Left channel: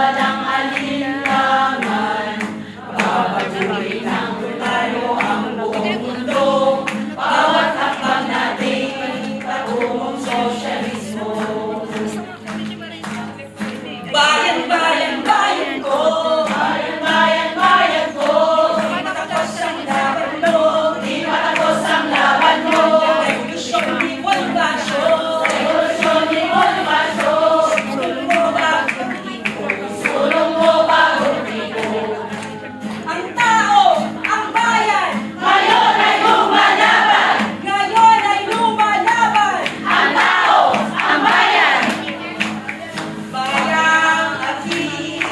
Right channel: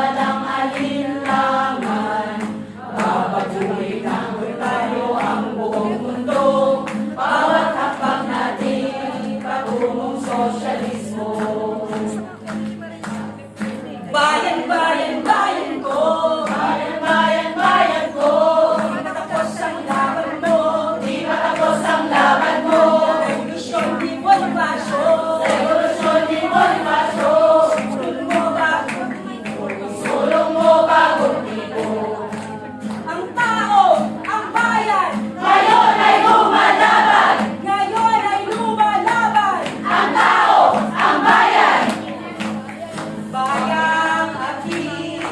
walang alinlangan. Babagugin ng tayo ang buong mundo, bawat hakbang natin patungong sosyalismo. Bayan, bayan, bayan ko, bayan, bayan, bayan ko, di matapos ang laban mo, di matapos ang laban mo. Revolusyon ni Bonifacio, revolusyon ni Bonifacio, sulong mo bagong tiko, sulong mo bagong tiko. Ang tao, ang bayan, ngayon ay lumalaban, ngayon ay lumalaban. Ang tao, ang bayan, bayang aking,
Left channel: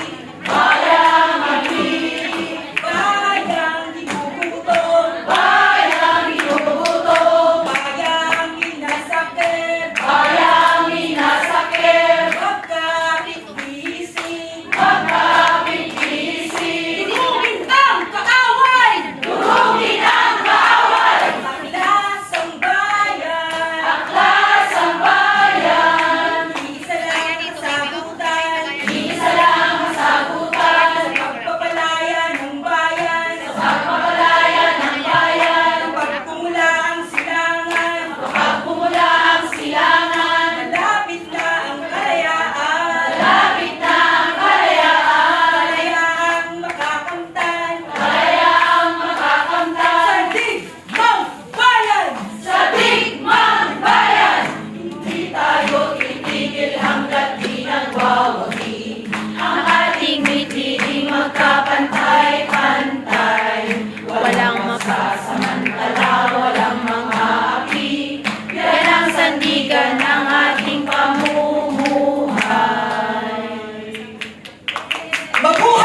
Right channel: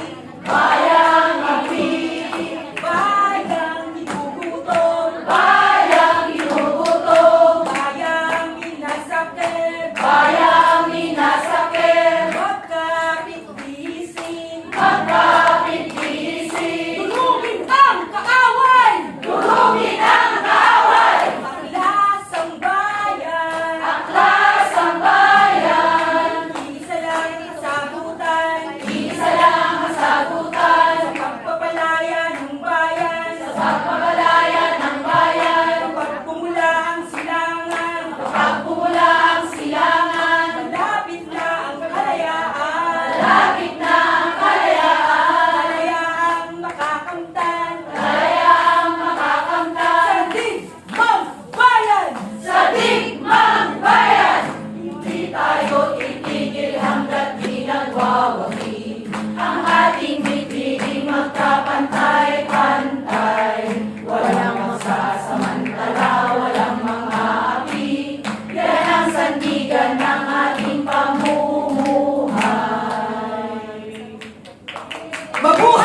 bayang aking, bayang ginugutom, bayang ginugutom, bayang minasakit, bayang minasakit. Huwag kapit gising, huwag kapit gising. Durugin ang kaaway, durugin ang kaaway. Aklas ang bayan, aklas ang bayan. Isa lang ang sagutan, isa lang ang sagutan. Sa pagpapalaya ng bayan, sa pagpapalaya ng bayan. Kapag pumula ang silangan, kapag pumula ang silangan. Malapit na ang kalayaan, malapit na ang kalayaan. Kalayaang makakamtan, kalayaang makakamtan. Sa digmang bayan, sa digmang bayan. Hindi tayo titigil hanggat di nagwawagi. Ang ating mithiting magkapantay-pantay. Walang masasamantala, walang mga api. Yan ang sandigan ng ating pamumuhay. Babu!